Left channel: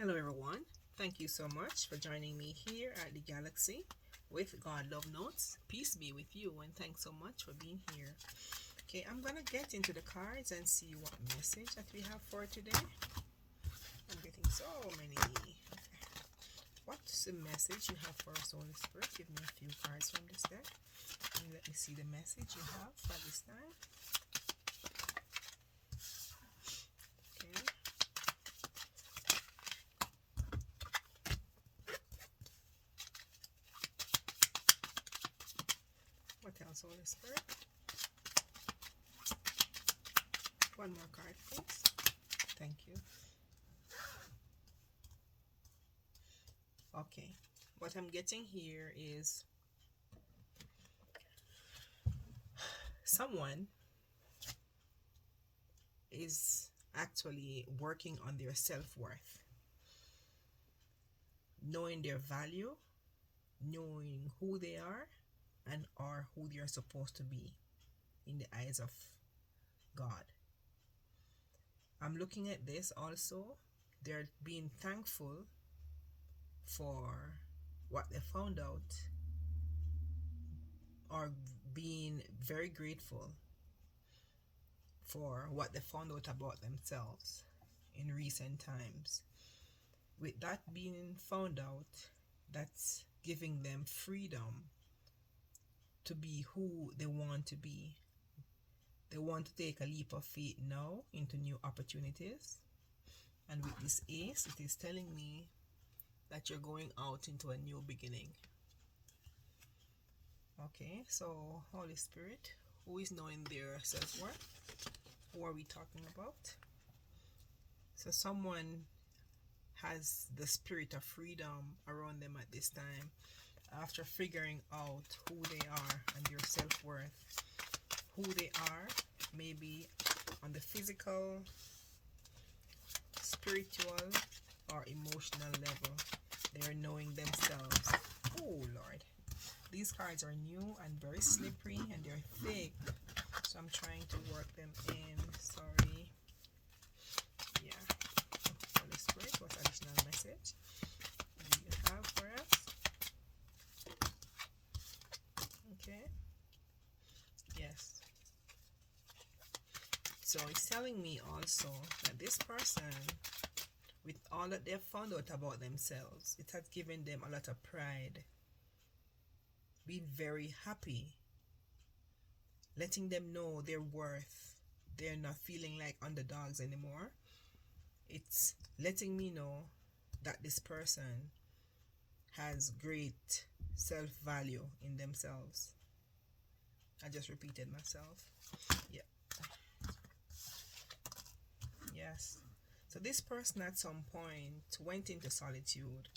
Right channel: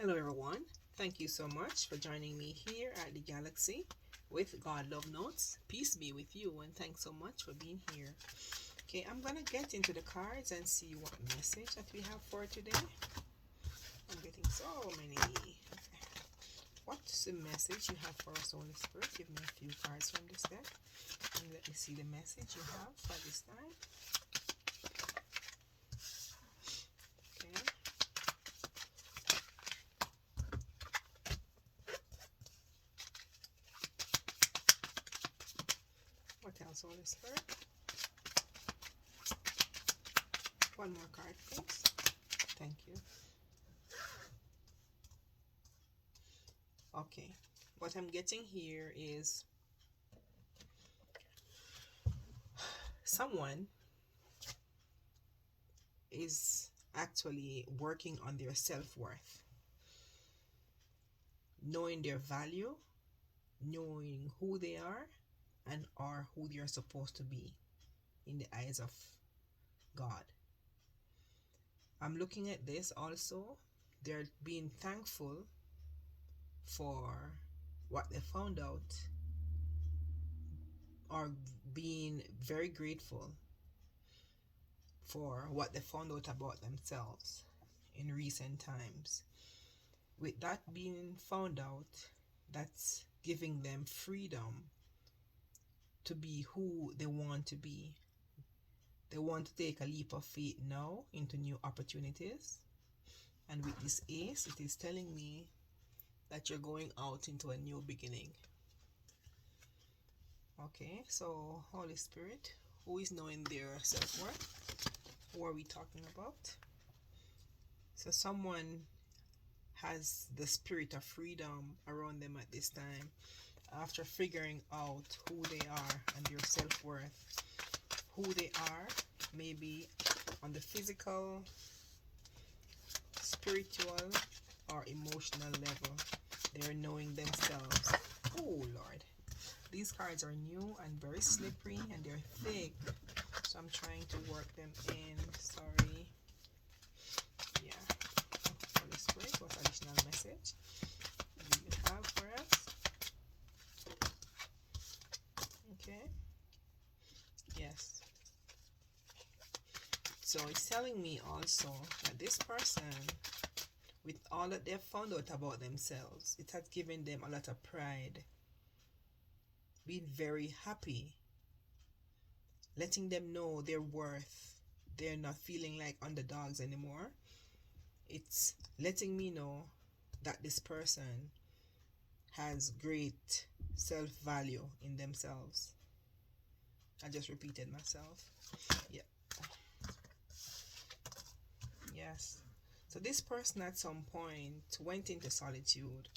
Hello, everyone. Thank you so much for joining me here at the Galaxy with God Love Notes. Peace be with you, and thanks so much for being here. Okay, I'm gonna get into the cards and see what message that we have for today. I'm getting so many. What's the message you have for us, Holy Spirit? Give me a few cards from this deck and let me see the message you have for this time. Okay. What else, Holy Spirit? One more card, please. Thank you. Okay. What I'm getting here is someone is actually working on their self-worth, knowing their value, knowing who they are and are who they are supposed to be in the eyes of God. I'm looking at this also. They're being thankful for what they found out, or being very grateful for what they found out about themselves in recent times. With that being found out, that's giving them freedom to be who they want to be. They want to take a leap of faith now into new opportunities. And with this ace, it is telling me that you're going out into a new beginning. Okay, so Holy Spirit, who is knowing their self-worth? Who are we talking about? So someone has the spirit of freedom around them at this time after figuring out who they are and their self-worth. Who they are, maybe on the physical, spiritual, or emotional level. They're knowing themselves. Oh Lord. These cards are new and very slippery and they're thick. So I'm trying to work them in. Sorry. Yeah. Holy Spirit, what additional message do you have for us? Okay. Yes. So it's telling me also that this person, with all that they've found out about themselves, it has given them a lot of pride, being very happy, letting them know their worth. They're not feeling like underdogs anymore. It's letting me know that this person has great self-value in themselves. I just repeated myself. Yeah. Yes. So this person at some point went into solitude,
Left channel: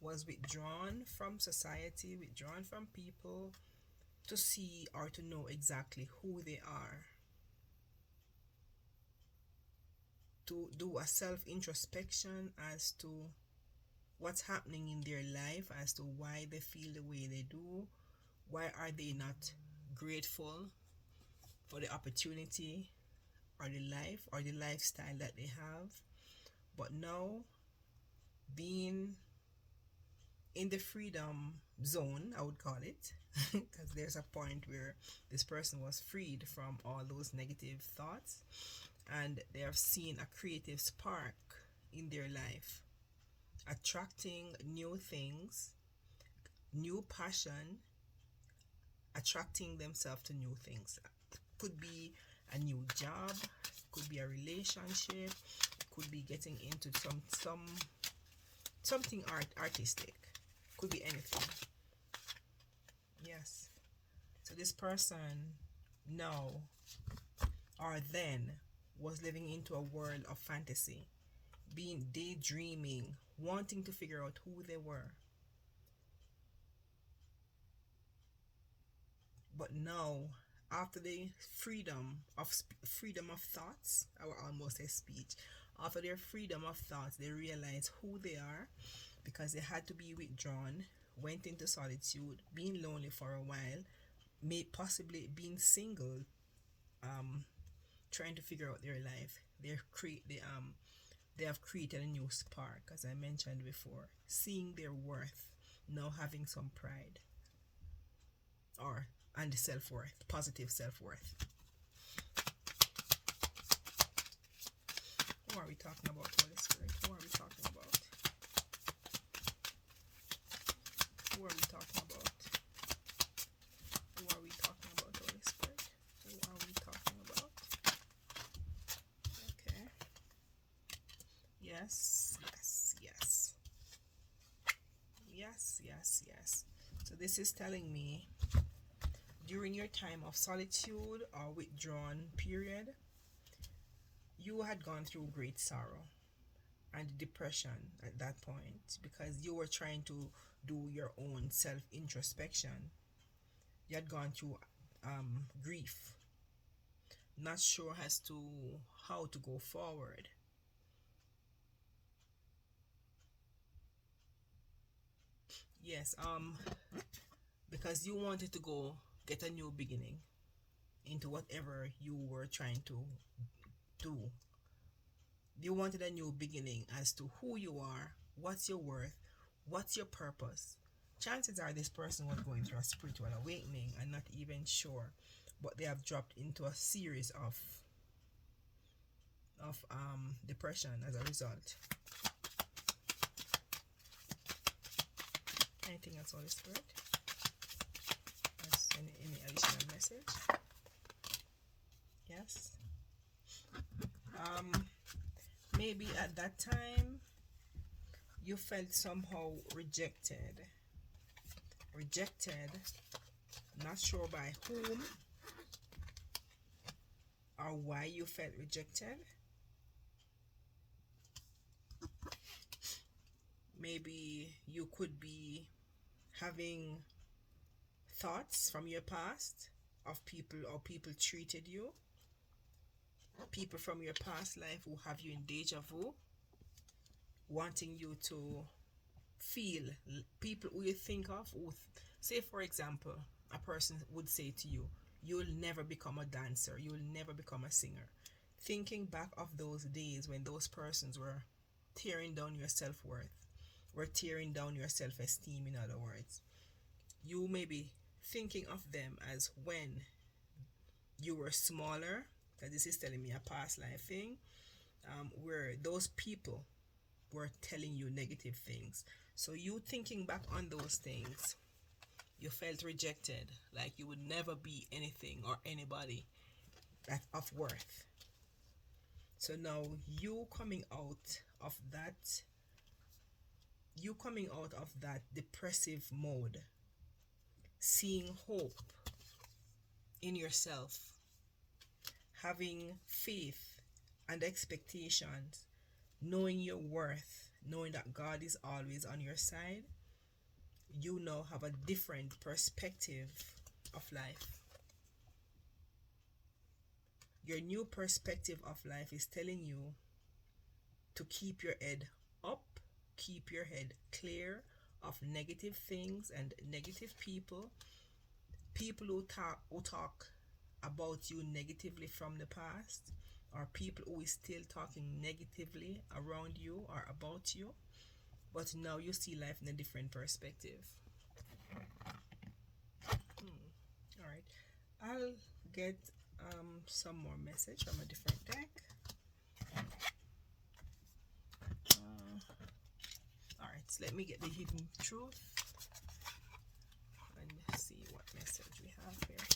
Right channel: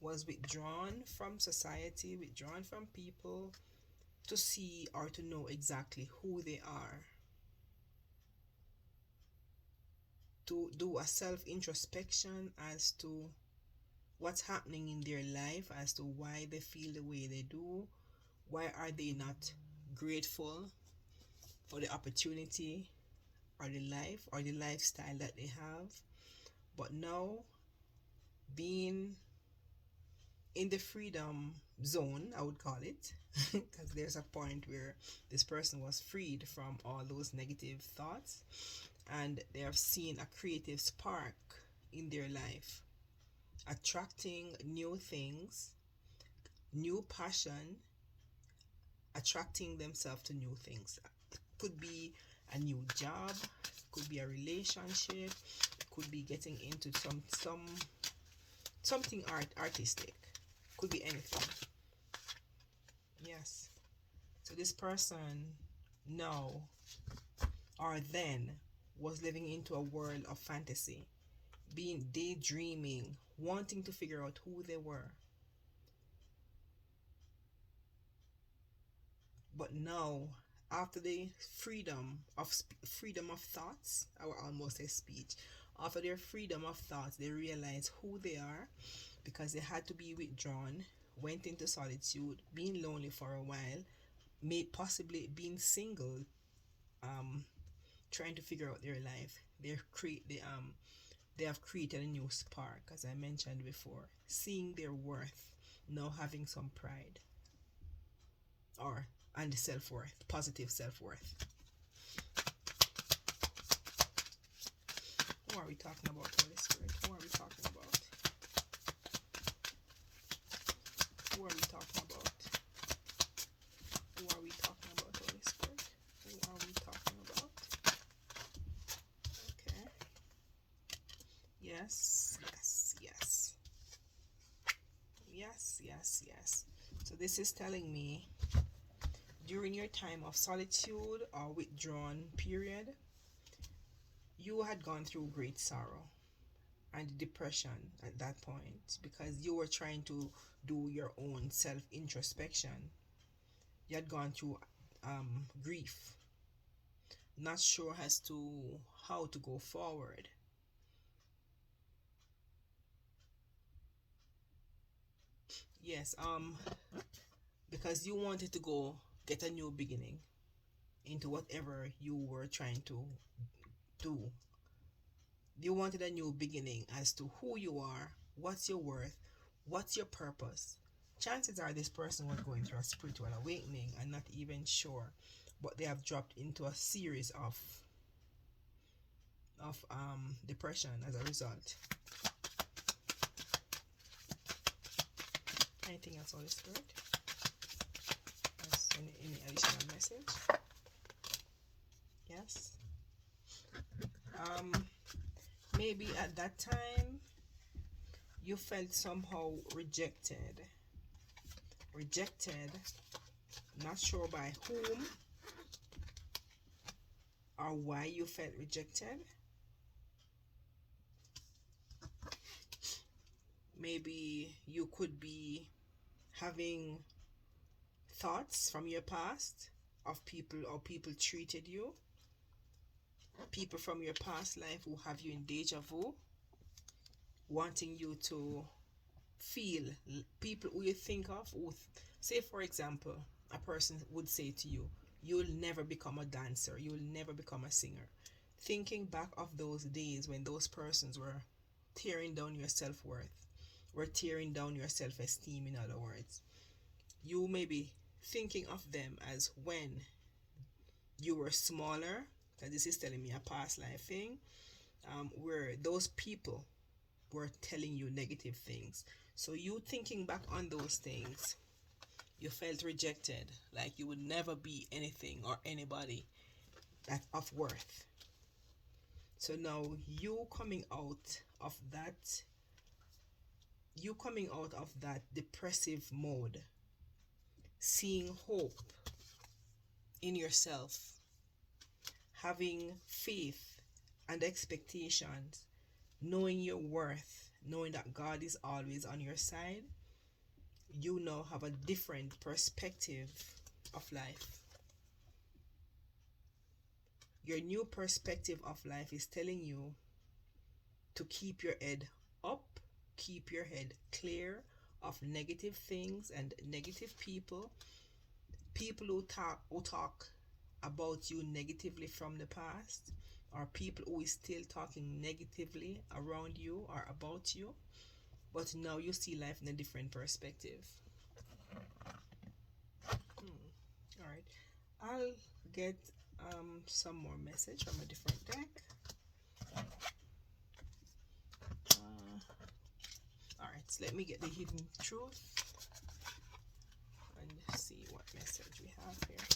was withdrawn from society, withdrawn from people to see or to know exactly who they are, to do a self-introspection as to what's happening in their life, as to why they feel the way they do, why are they not grateful for the opportunity or the life or the lifestyle that they have. But now, being in the freedom zone, I would call it, because there's a point where this person was freed from all those negative thoughts and they have seen a creative spark in their life, attracting new things, new passion, attracting themselves to new things. Could be a new job, could be a relationship, could be getting into something artistic, could be anything. Yes. So this person now or then was living into a world of fantasy, being daydreaming, wanting to figure out who they were. But now, after the freedom of thoughts, I will almost say speech, after their freedom of thoughts, they realize who they are because they had to be withdrawn, went into solitude, being lonely for a while, may possibly being single, um, trying to figure out their life. They they have created a new spark, as I mentioned before, seeing their worth, now having some pride, or and self-worth, positive self-worth. Who are we talking about, Holy Spirit? Who are we talking about? Who are we talking about? Who are we talking about, Holy Spirit? Who are we talking about? Okay. Yes, yes, yes. Yes, yes, yes. So this is telling me during your time of solitude or withdrawn period, you had gone through great sorrow and depression at that point because you were trying to do your own self introspection. You had gone through grief, not sure as to how to go forward. Yes, because you wanted to go get a new beginning into whatever you were trying to do. You wanted a new beginning as to who you are, what's your worth, what's your purpose. Chances are this person was going through a spiritual awakening and not even sure, but they have dropped into a series of depression as a result. Anything else, Holy Spirit? Yes, any additional message? Yes. Maybe at that time you felt somehow rejected. Not sure by whom or why you felt rejected. Maybe you could be having thoughts from your past of people or people treated you. People from your past life who have you in deja vu, wanting you to feel people who you think of who, say for example, a person would say to you, you'll never become a dancer, you'll never become a singer. Thinking back of those days when those persons were tearing down your self-worth, were tearing down your self-esteem, in other words, you may be thinking of them as when you were smaller, because this is telling me a past life thing, where those people were telling you negative things. So you thinking back on those things, you felt rejected, like you would never be anything or anybody that of worth. So now you coming out of that depressive mode, seeing hope in yourself, having faith and expectations, knowing your worth, knowing that God is always on your side, you now have a different perspective of life. Your new perspective of life is telling you to keep your head up, keep your head clear of negative things and negative people, people who talk about you negatively from the past, or people who is still talking negatively around you or about you, but now you see life in a different perspective. All right, I'll get some more message from a different deck. All right, so let me get the hidden truth and see what message we have here.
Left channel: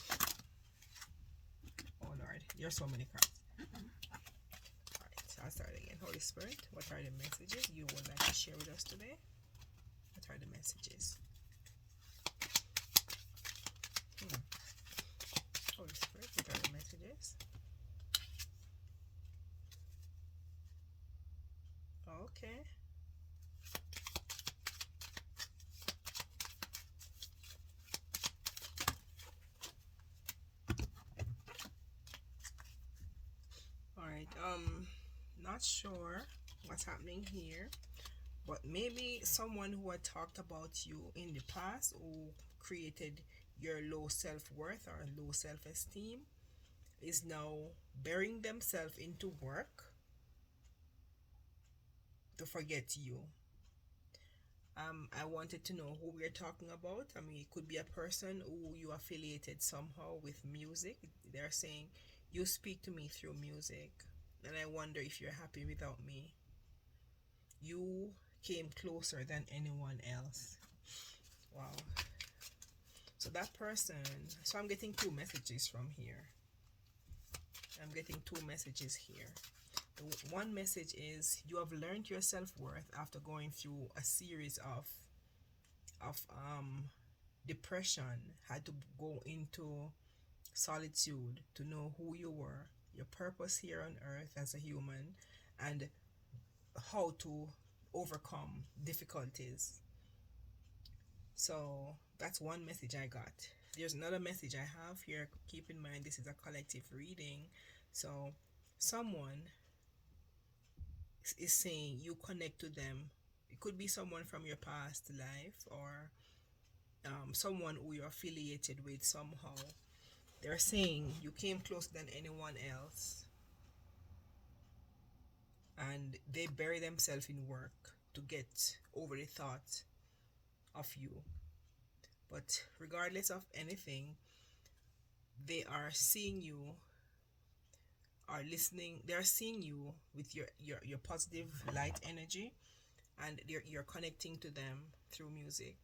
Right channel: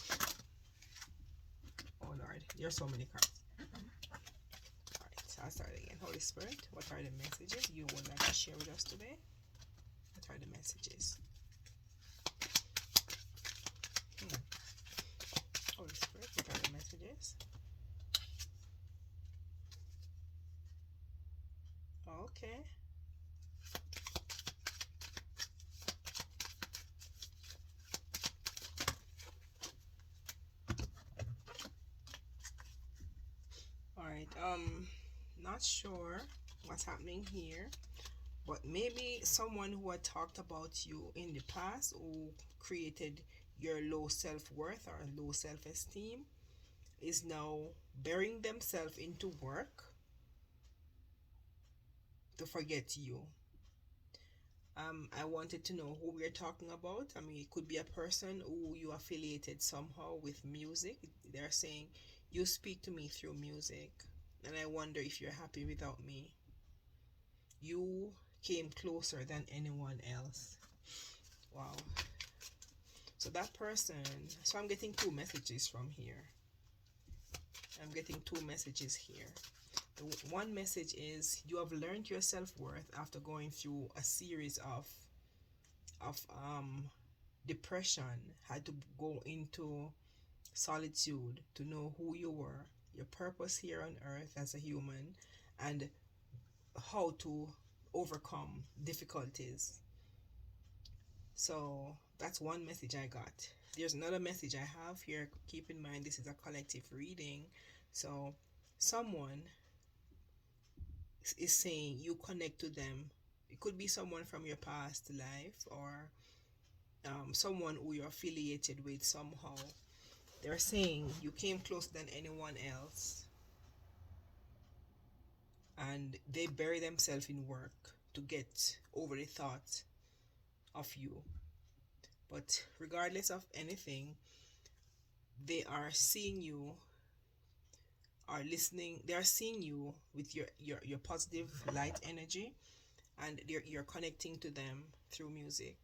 Oh Lord, there's so many cards. Alright, so I'll start again. Holy Spirit, what are the messages you would like to share with us today? What are the messages? Holy Spirit, what are the messages? Okay. Alright, not sure what's happening here, but maybe someone who had talked about you in the past, who created your low self-worth or low self-esteem, is now burying themselves into work, to forget you. I wanted to know who we're talking about. I mean, it could be a person who you affiliated somehow with music. They're saying, you speak to me through music, and I wonder if you're happy without me. You came closer than anyone else. Wow. So that person, so I'm getting two messages from here. I'm getting two messages here. One message is you have learned your self-worth after going through a series of depression, had to go into solitude to know who you were, your purpose here on earth as a human, and how to overcome difficulties. So that's one message I got. There's another message I have here. Keep in mind, this is a collective reading. So someone is saying you connect to them. It could be someone from your past life, or someone who you're affiliated with somehow. They're saying you came closer than anyone else, and they bury themselves in work to get over the thought of you. But regardless of anything, they are seeing you, are listening, they are seeing you with your positive light energy, and you're connecting to them through music,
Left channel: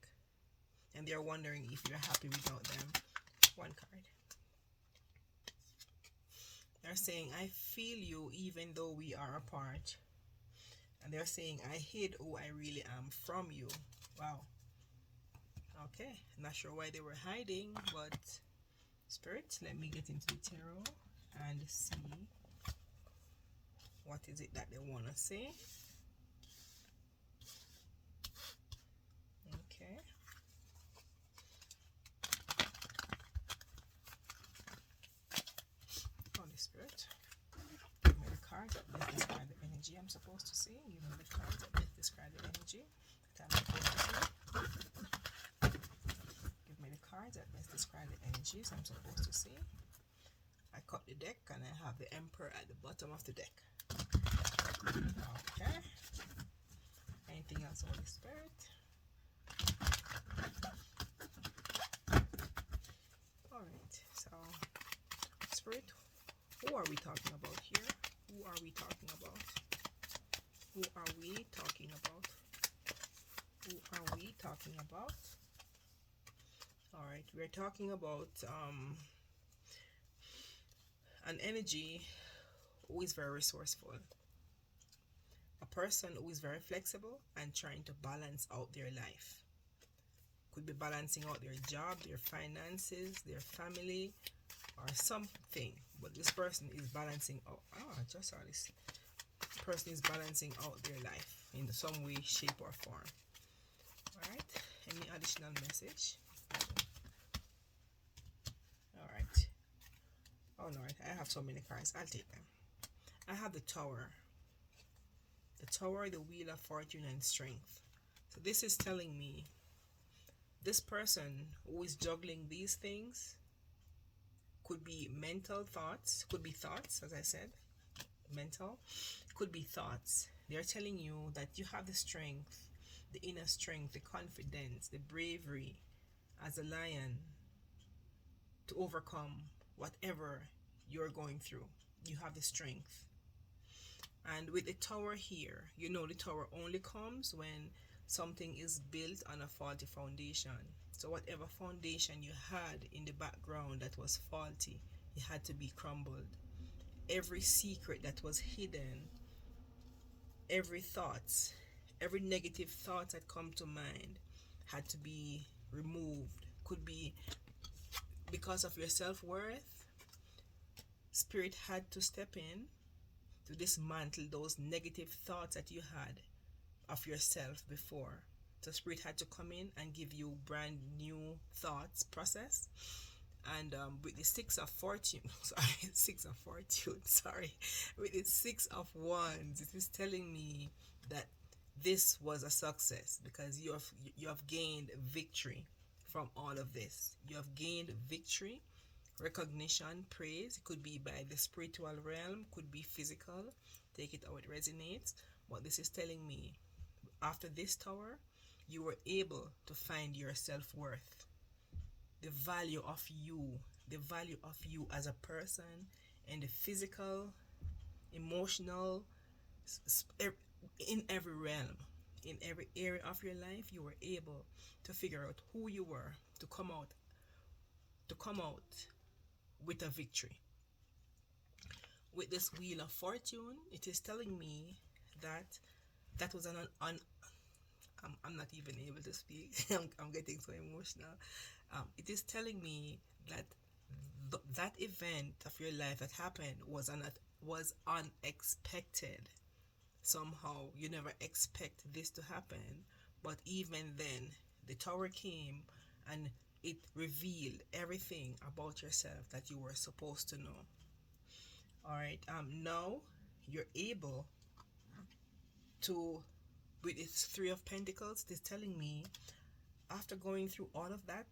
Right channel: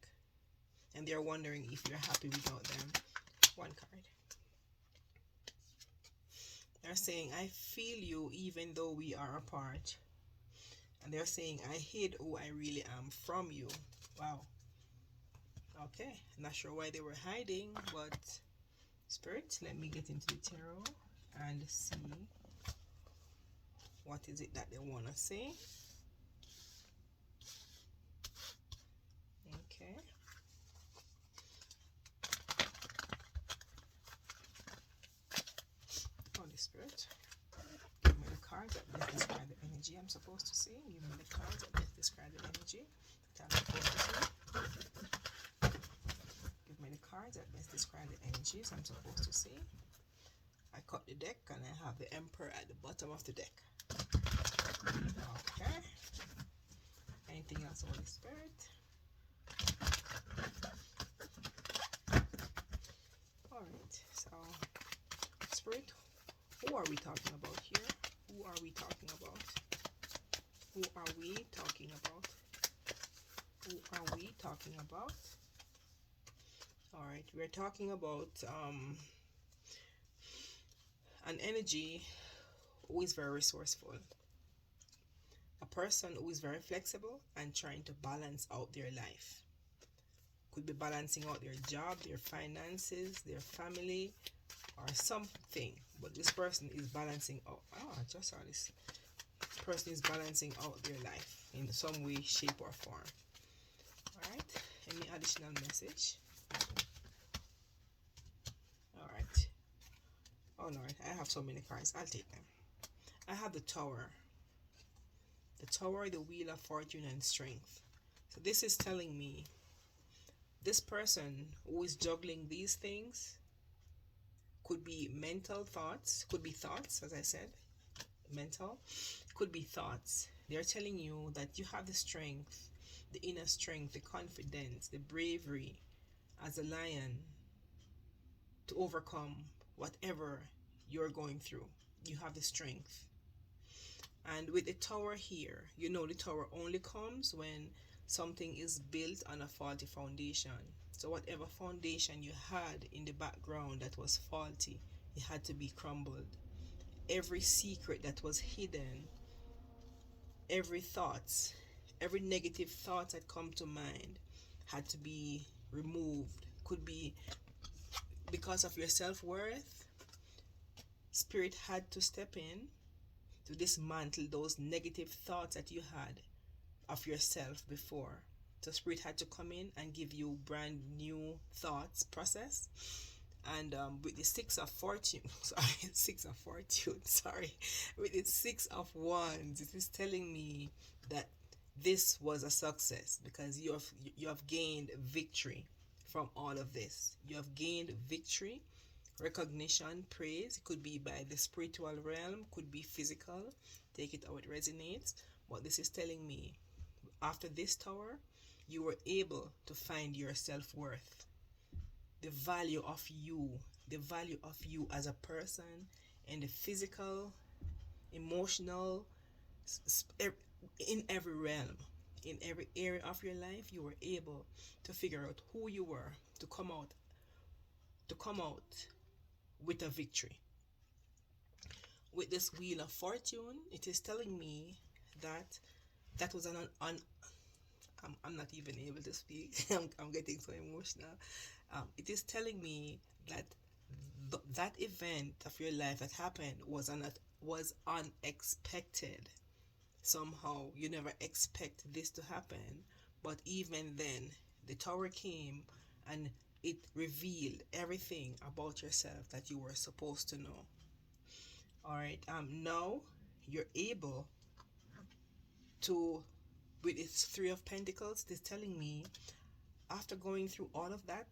and they're wondering if you're happy without them. One card. They're saying, I feel you even though we are apart. And they're saying, I hid who I really am from you. Wow. Okay. Not sure why they were hiding, but Spirit, let me get into the tarot and see what is it that they want to say. Okay. Holy Spirit, give me the cards that best describe the energy I'm supposed to see. Give me the cards that best describe the energy that I'm supposed to see. Give me the cards that best describe the energies I'm supposed to see. I cut the deck and I have the Emperor at the bottom of the deck. Okay. Anything else, Holy Spirit? Alright, so Spirit, who are we talking about here? Who are we talking about? Who are we talking about? Who are we talking about? Alright, we're talking about an energy who is very resourceful. A person who is very flexible and trying to balance out their life. Could be balancing out their job, their finances, their family, or something. But this person is balancing out. Oh, I just saw this. Person is balancing out their life in some way, shape, or form. Alright. Any additional message? Alright. Oh Lord, I have so many cards. I'll take them. I have the Tower. The Tower, the Wheel of Fortune and Strength. So this is telling me this person who is juggling these things could be mental thoughts, could be thoughts, as I said, mental, could be thoughts. They're telling you that you have the strength, the inner strength, the confidence, the bravery as a lion to overcome whatever you're going through. You have the strength. And with the Tower here, you know the Tower only comes when something is built on a faulty foundation. So whatever foundation you had in the background that was faulty, it had to be crumbled. Every secret that was hidden, every thought, every negative thought that come to mind had to be removed. Could be because of your self-worth. Spirit had to step in to dismantle those negative thoughts that you had of yourself before. So Spirit had to come in and give you brand new thoughts process. And with the Six of Fortune, with the Six of Wands, it is telling me that this was a success because you have gained victory from all of this. You have gained victory, recognition, praise. It could be by the spiritual realm, could be physical. Take it how it resonates. But this is telling me after this tower, you were able to find your self-worth, the value of you, the value of you as a person, and the physical, emotional, in every realm, in every area of your life, you were able to figure out who you were, to come out with a victory. With this Wheel of Fortune, it is telling me that that was I'm not even able to speak. I'm getting so emotional. It is telling me that that event of your life that happened was unexpected. Somehow you never expect this to happen, but even then, the tower came and it revealed everything about yourself that you were supposed to know. All right. Now you're able to, with its Three of Pentacles, it is telling me after going through all of that,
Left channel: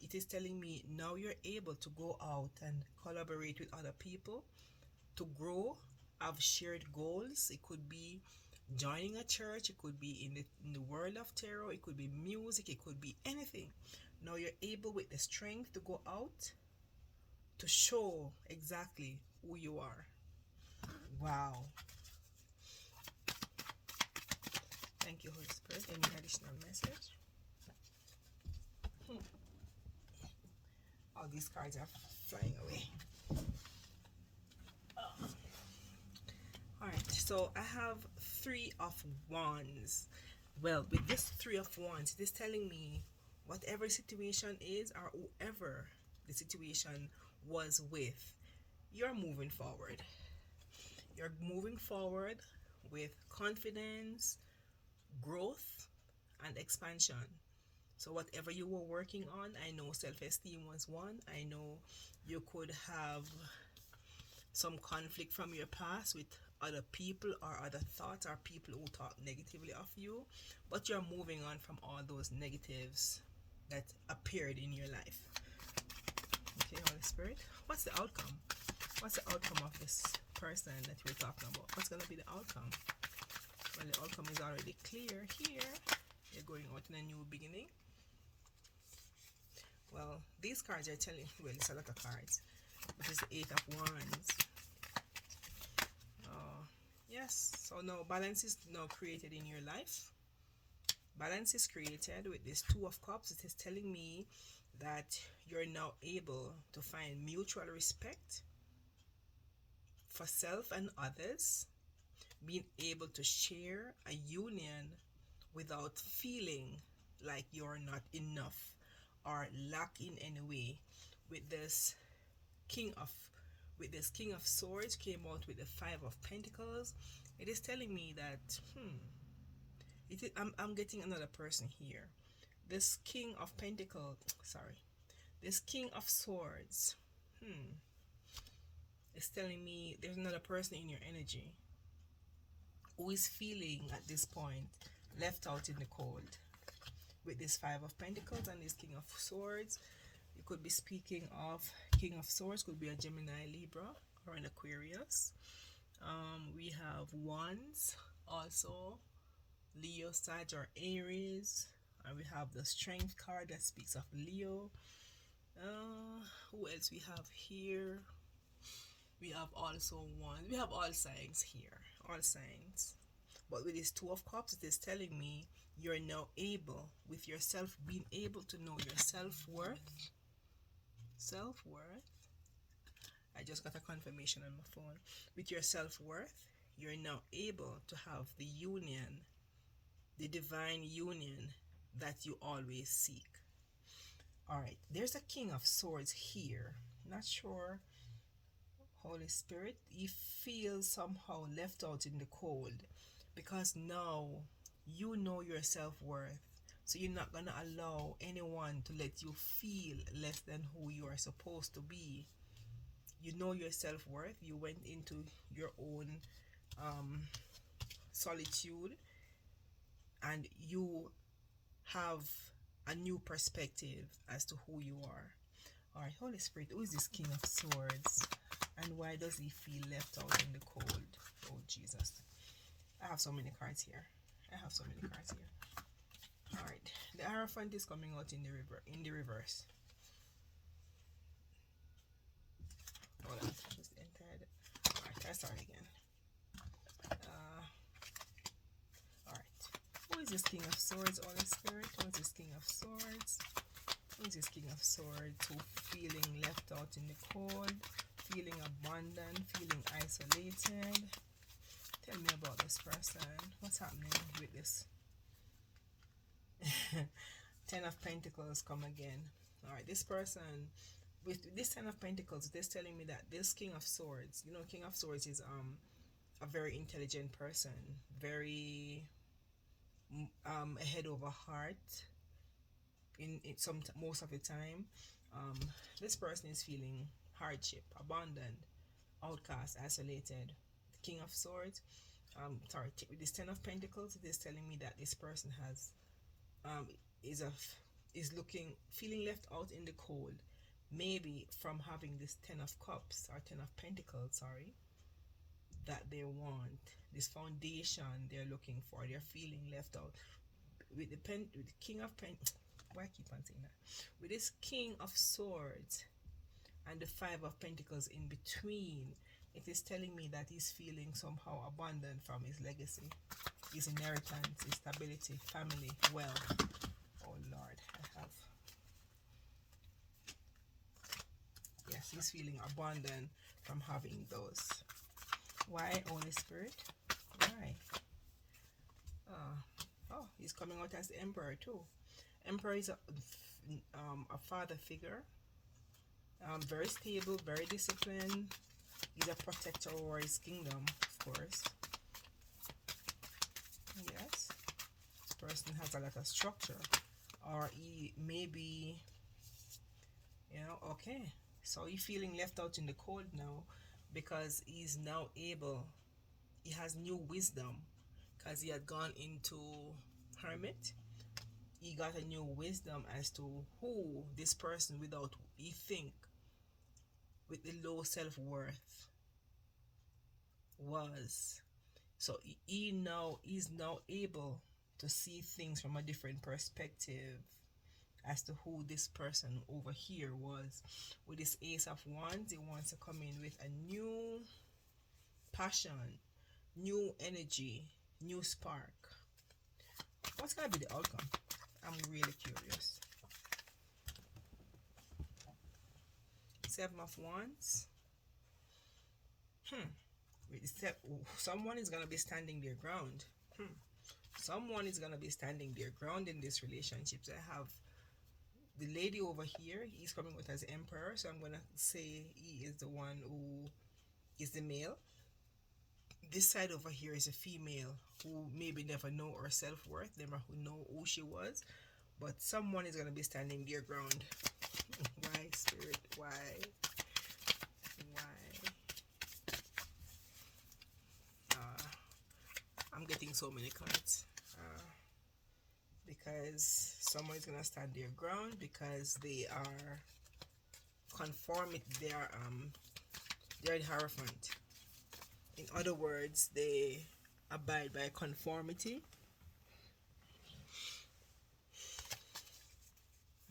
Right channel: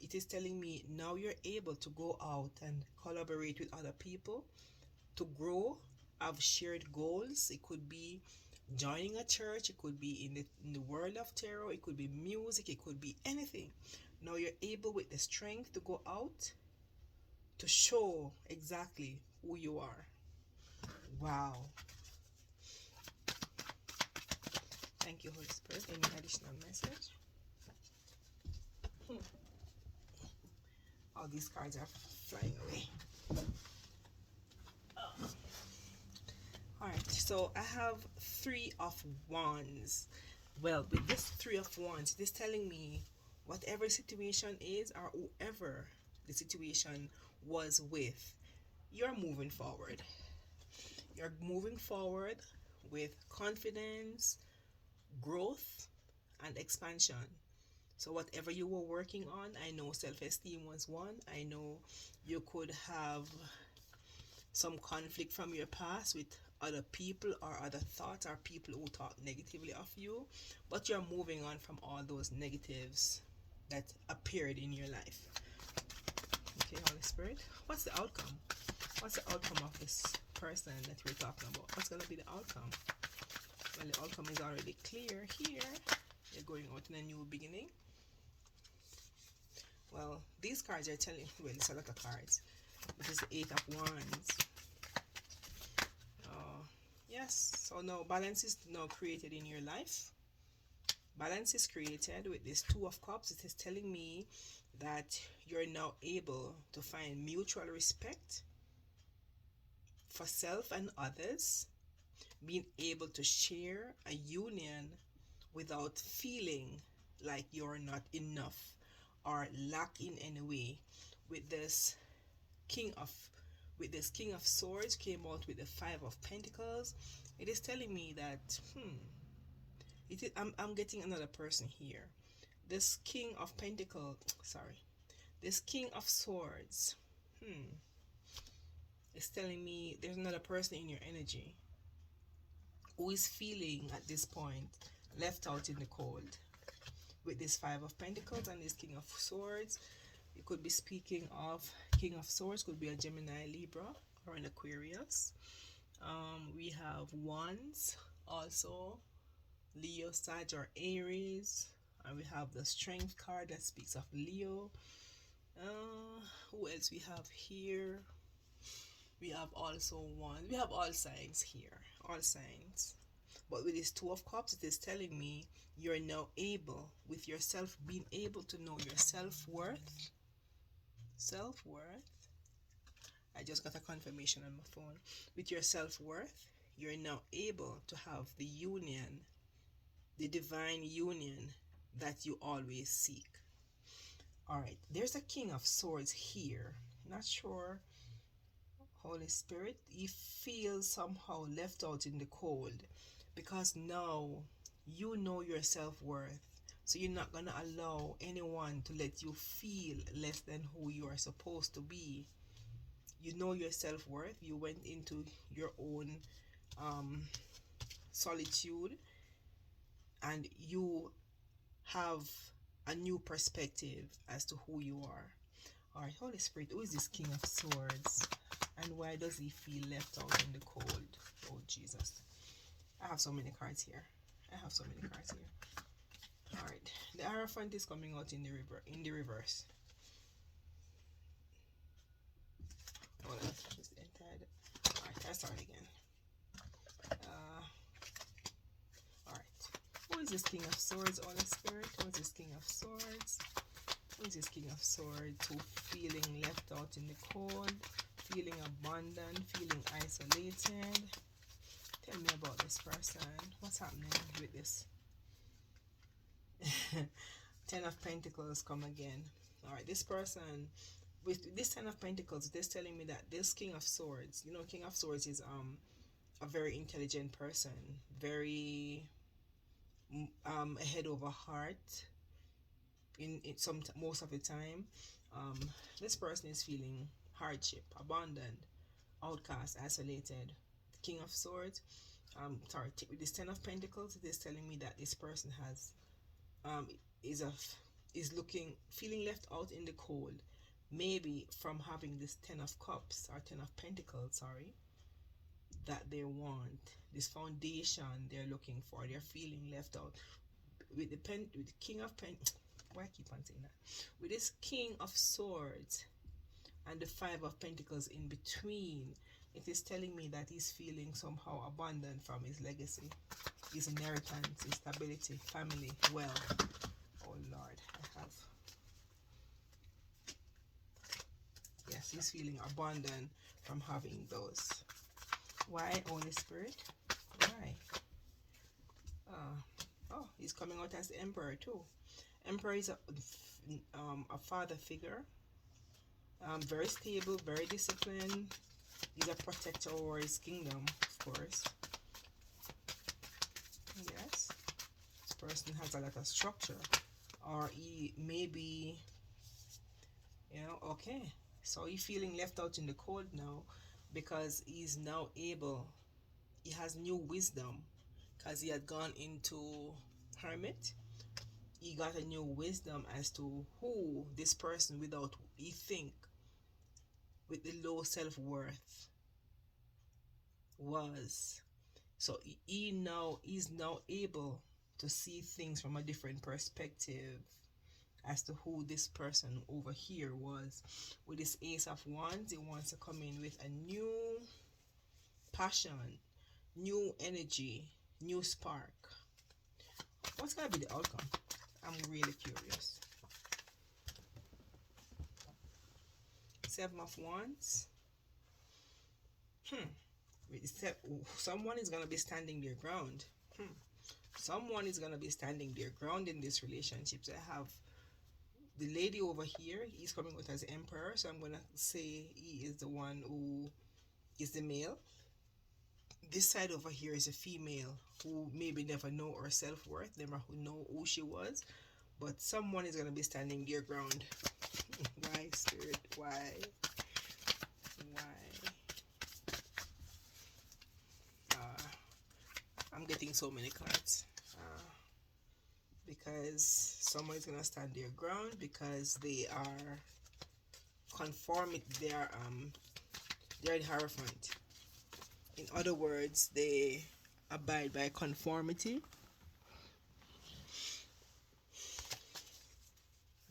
it is telling me now you're able to go out and collaborate with other people to grow, have shared goals. It could be joining a church, it could be in the world of tarot, it could be music, it could be anything. Now you're able with the strength to go out to show exactly who you are. Wow. Thank you, Holy Spirit. Any additional message? All these cards are flying away. Alright, so I have Three of Wands. Well, with this Three of Wands, it is telling me whatever situation is, or whoever the situation was with, you're moving forward. You're moving forward with confidence, growth, and expansion. So whatever you were working on, I know self-esteem was one. I know you could have some conflict from your past with other people or other thoughts or people who talk negatively of you, but you're moving on from all those negatives that appeared in your life. Okay, Holy Spirit, what's the outcome? What's the outcome of this person that we're talking about? What's going to be the outcome? Well, the outcome is already clear here. You're going out in a new beginning. Well, these cards are telling, well, it's a lot of cards. This is the Eight of Wands. Yes, so now balance is now created in your life. Balance is created with this Two of Cups. It is telling me that you're now able to find mutual respect for self and others, being able to share a union without feeling like you're not enough or lack in any way. With this King of Swords came out with the Five of Pentacles. It is telling me that I'm getting another person here. This King of Pentacles, this King of Swords, is telling me there's another person in your energy who is feeling at this point left out in the cold. With this Five of Pentacles and this King of Swords, it could be speaking of King of Swords, could be a Gemini, Libra, or an Aquarius. We have Wands, also Leo, Sag, or Aries. And we have the Strength card that speaks of Leo. Who else we have here? We have also one. We have all signs here. All signs. But with this Two of Cups, it is telling me you're now able, with yourself, being able to know your self-worth. Self-worth. I just got a confirmation on my phone. With your self-worth, you're now able to have the union, the divine union that you always seek. Alright, there's a King of Swords here. Not sure, Holy Spirit, he feels somehow left out in the cold, because now you know your self-worth. So you're not going to allow anyone to let you feel less than who you are supposed to be. You know your self-worth. You went into your own solitude, and you have a new perspective as to who you are. Alright, Holy Spirit, who is this King of Swords? And why does he feel left out in the cold? Oh, Jesus. I have so many cards here. I have so many cards here. All right, the Hierophant is coming out in the reverse. Hold on, just entered. All right, I start again. All right, who is this King of Swords, Holy Spirit? Who is this King of Swords? Who is this King of Swords who feeling left out in the cold, feeling abandoned, feeling isolated? Tell me about this person. What's happening with this? Ten of Pentacles come again. All right, this person with this Ten of Pentacles, they're telling me that this King of Swords, you know, King of Swords is a very intelligent person, very head over heart in some most of the time. This person is feeling hardship, abandoned, outcast, isolated. The King of Swords, sorry, with this Ten of Pentacles, it is telling me that this person has is looking, feeling left out in the cold, maybe from having this Ten of Cups or Ten of Pentacles, sorry, that they want this foundation they're looking for. They're feeling left out with the King of why I keep on saying that, with this King of Swords and the Five of Pentacles in between. It is telling me that he's feeling somehow abandoned from his legacy, his inheritance, his stability, family, wealth. Oh Lord, I have, yes, he's feeling abandoned from having those. Why, Holy Spirit? Why? Oh, he's coming out as the Emperor too. Emperor is a father figure, very stable, very disciplined. He's a protector over his kingdom, of course. Yes, this person has a lot of structure, or he maybe, you know, okay, so he's feeling left out in the cold now because he's now able, he has new wisdom because he had gone into hermit. He got a new wisdom as to who this person without, he think, with the low self-worth was. So he's now able to see things from a different perspective as to who this person over here was. With this Ace of Wands, he wants to come in with a new passion, new energy, new spark. What's gonna be the outcome? I'm really curious. Seven of Wands. Someone is gonna be standing their ground. Someone is gonna be standing their ground in this relationship. So I have the lady over here. He's coming out as Emperor, so I'm gonna say he is the one who is the male. This side over here is a female who maybe never know her self-worth, never know who she was, but someone is gonna be standing their ground. Why, Spirit? Why? I'm getting so many cards because someone is gonna stand their ground because they are conforming. They are the Hierophant. In other words, they abide by conformity.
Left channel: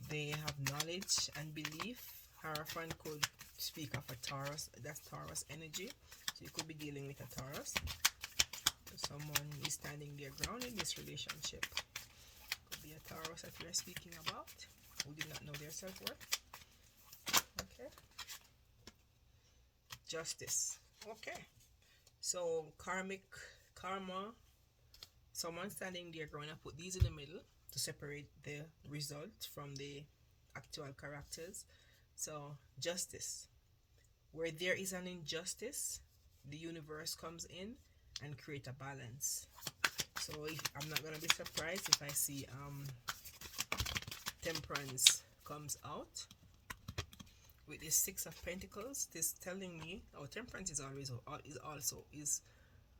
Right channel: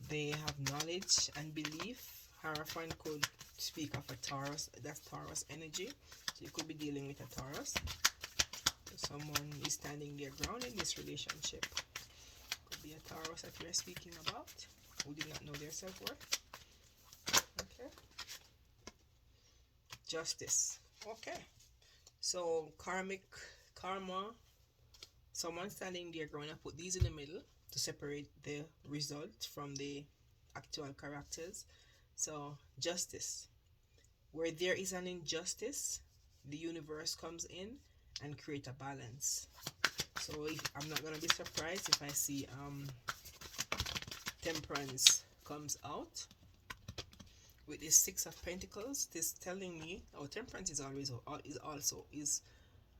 They have knowledge and belief. Hierophant could speak of a Taurus. That's Taurus energy. So you could be dealing with a Taurus. Someone is standing their ground in this relationship. Could be a Taurus that we are speaking about, who did not know their self-worth. Okay. Justice. Okay. So karma, someone standing their ground. I put these in the middle to separate the result from the actual characters. So justice. Where there is an injustice, the universe comes in and create a balance. So I'm not gonna be surprised if I see Temperance comes out with this Six of Pentacles. This telling me, oh, Temperance is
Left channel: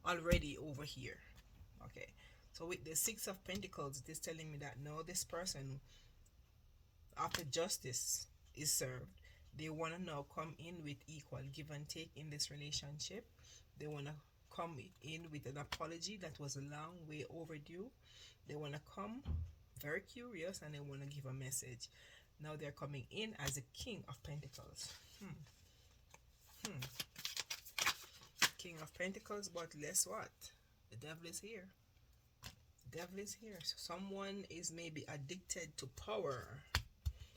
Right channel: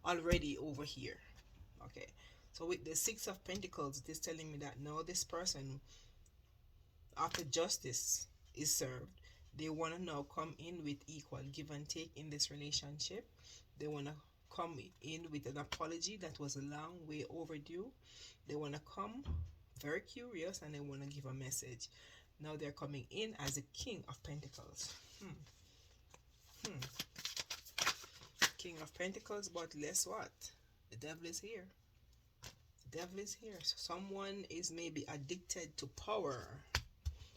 already over here. Okay, so with the Six of Pentacles, it is telling me that now this person, after justice is served, they want to now come in with equal give and take in this relationship. They want to come in with an apology that was a long way overdue. They want to come very curious and they want to give a message. Now they're coming in as a King of Pentacles. King of Pentacles, but guess what? The devil is here. The devil is here. So someone is maybe addicted to power.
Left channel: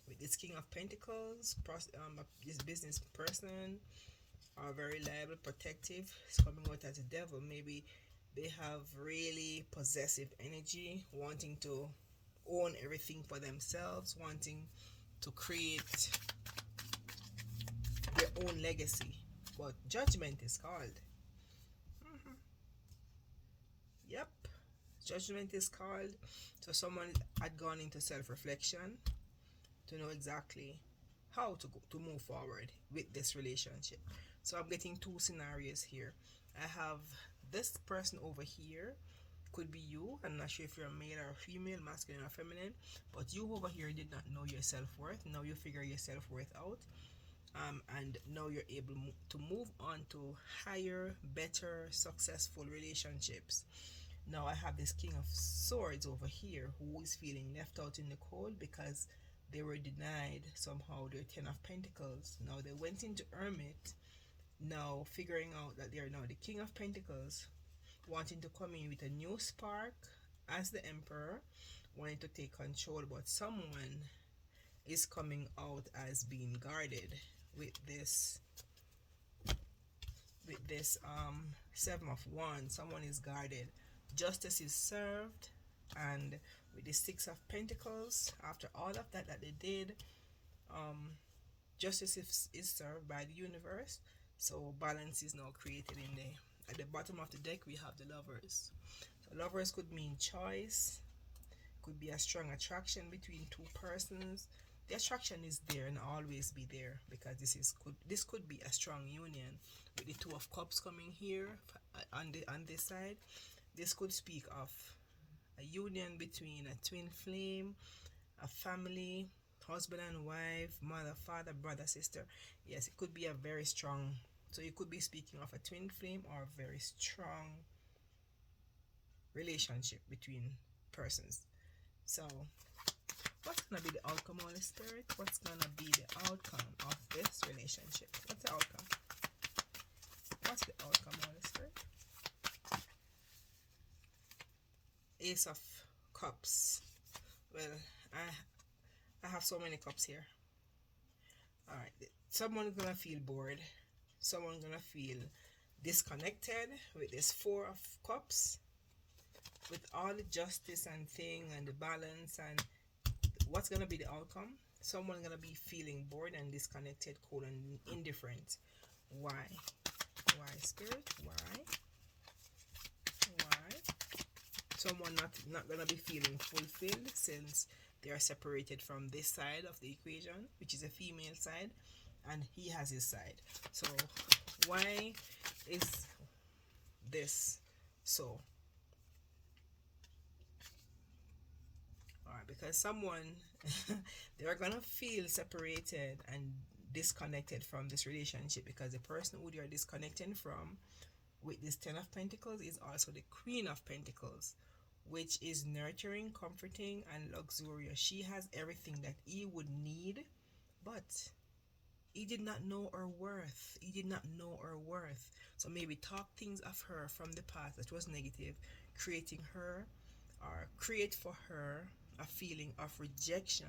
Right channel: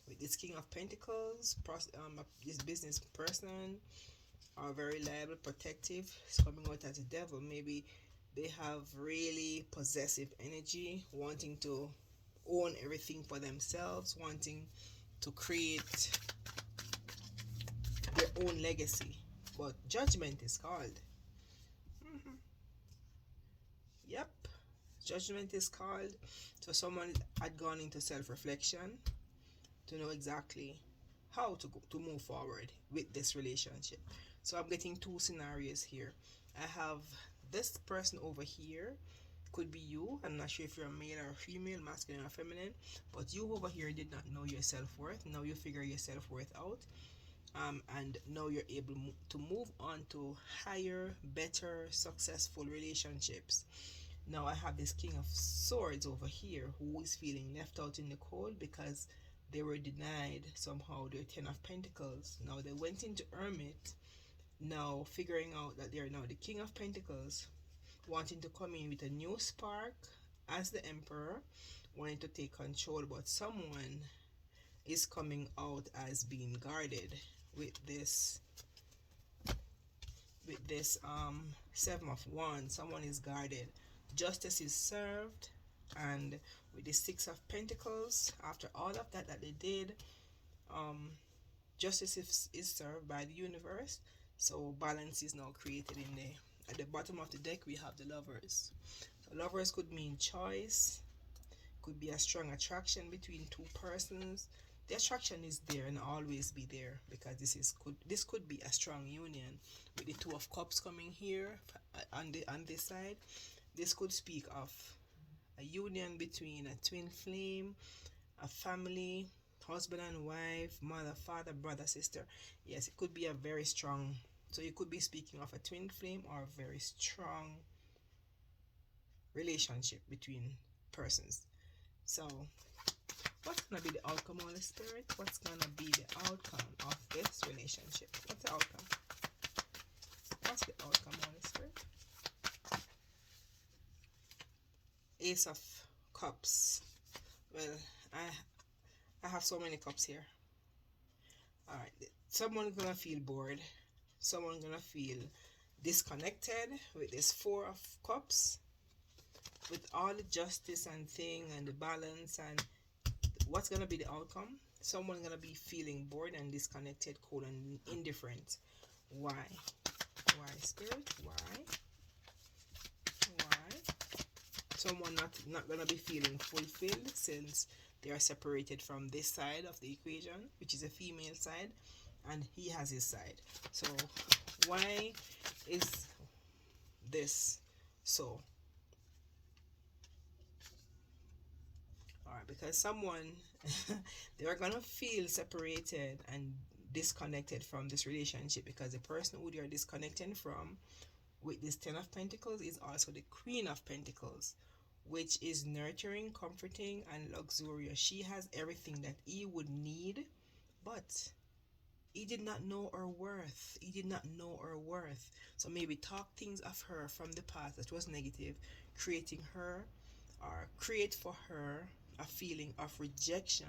With this King of Pentacles, this business person are very liable, protective. It's coming out as a devil. Maybe they have really possessive energy, wanting to own everything for themselves, wanting to create their own legacy. But judgment is called. Yep, judgment is called. So someone had gone into self-reflection to know exactly how to move forward with this relationship. So I'm getting two scenarios here. I have this person over here, could be you. I'm not sure if you're a male or a female, masculine or feminine, but you over here did not know your self-worth. Now you figure your self-worth out, and now you're able to move on to higher, better, successful relationships. Now I have this King of Swords over here who is feeling left out in the cold because they were denied somehow their Ten of Pentacles. Now they went into Hermit, now figuring out that they are now the King of Pentacles, wanting to come in with a new spark as the Emperor, wanting to take control, but someone is coming out as being guarded with this Seven of Wands. Someone is guarded. Justice is served, and with the Six of Pentacles, after all of that they did, justice is served by the universe. So balance is now created in there. At the bottom of the deck we have the Lovers. So lovers could mean choice, could be a strong attraction between two persons. The attraction is there and always be there, because this could be a strong union. With the Two of Cups coming here on this side, this could speak of a union between a twin flame, a family, husband and wife, mother, father, brother, sister. Yes, it could be a very strong, so you could be speaking of a twin flame or a very strong relationship between persons. So what's gonna be the outcome, Holy Spirit? What's gonna be the outcome of this relationship? What's the outcome? What's the outcome, Holy Spirit? Ace of Cups. Well, I have so many cups here. Alright, someone's gonna feel bored. Someone's gonna feel disconnected with this Four of Cups. With all the justice and thing and the balance, and what's gonna be the outcome? Someone's gonna be feeling bored and disconnected, cold and indifferent. Why? Why, Spirit? Why? Someone not gonna be feeling fulfilled since they are separated from this side of the equation, which is a female side, and he has his side. So why is this so? Alright, because someone they are gonna feel separated and disconnected from this relationship, because the person who they are disconnecting from with this Ten of Pentacles is also the Queen of Pentacles, which is nurturing, comforting, and luxurious. She has everything that he would need, but he did not know her worth. He did not know her worth. So maybe talk things of her from the past that was negative, creating her, or create for her a feeling of rejection,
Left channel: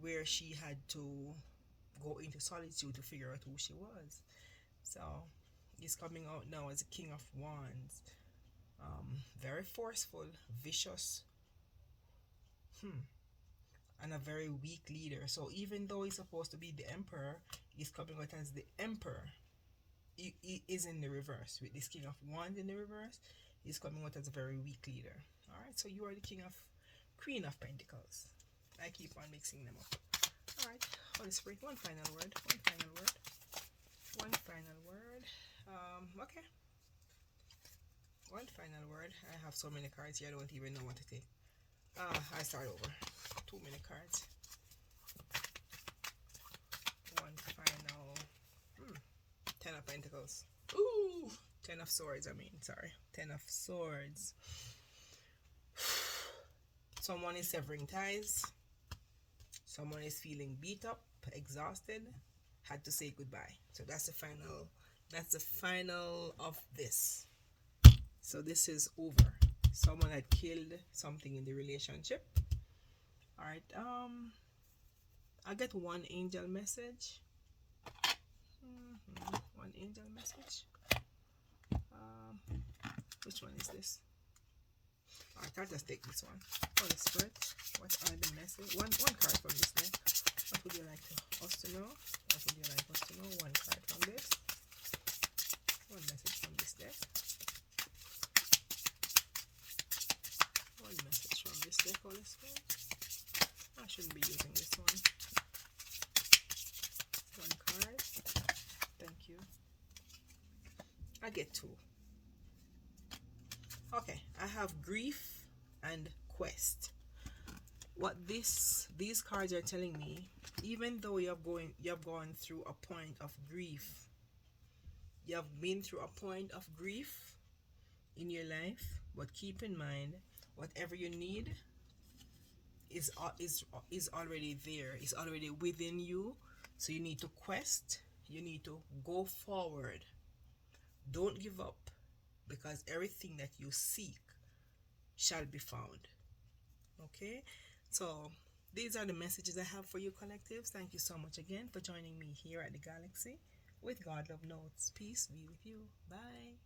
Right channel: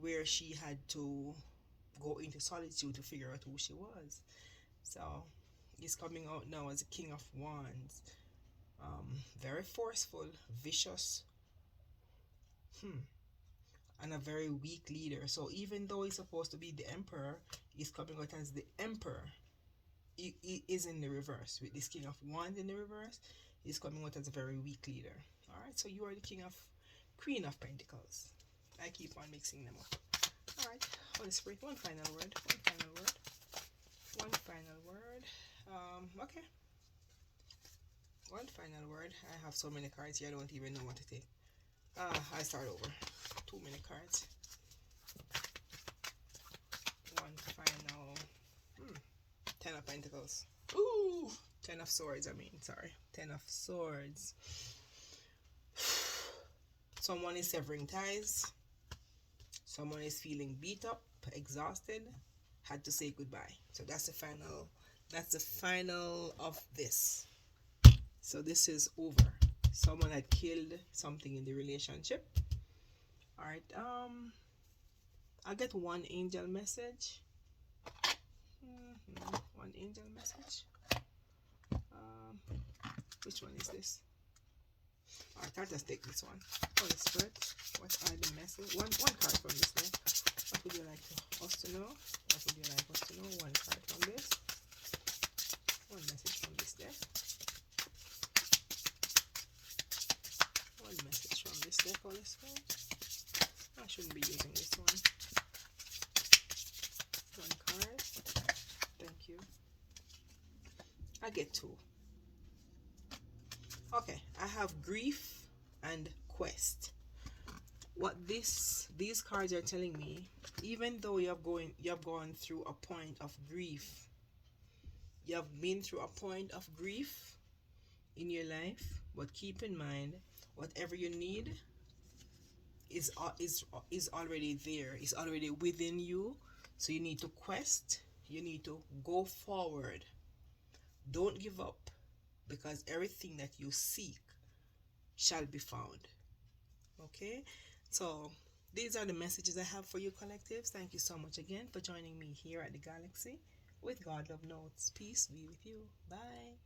where she had to go into solitude to figure out who she was. So he's coming out now as a King of Wands. Very forceful, vicious, and a very weak leader. So even though he's supposed to be the Emperor, he's coming out as the Emperor. He is in the reverse. With this King of Wands in the reverse, he's coming out as a very weak leader. Alright, so you are the Queen of Pentacles. I keep on mixing them up. Alright, Holy Spirit, one final word. Okay. One final word. I have so many cards here, I don't even know what to take. I start over. Too many cards. One final. Ten of Pentacles. Ooh, Ten of Swords, I mean, sorry. Ten of Swords. Someone is severing ties. Someone is feeling beat up, exhausted, had to say goodbye. So that's the final of this. So this is over. Someone had killed something in the relationship. All right. I get one angel message. One angel message. Which one is this? Alright, I'll just take this one. Holy Spirit, what are the message? One card from this deck. What would you like us to know? What would you like us to know? One card from this. One message from this deck. One message from this deck, Holy Spirit. I shouldn't be using this one. One card. Thank you. I get two. Okay, I have grief and quest. What these cards are telling me, even though you have gone through a point of grief, you have been through a point of grief in your life, but keep in mind, whatever you need is already there. It's already within you. So you need to quest. You need to go forward. Don't give up, because everything that you seek shall be found. Okay, so these are the messages I have for you, collectives. Thank you so much again for joining me here at the Galaxy with God Love Notes. Peace be with you. Bye.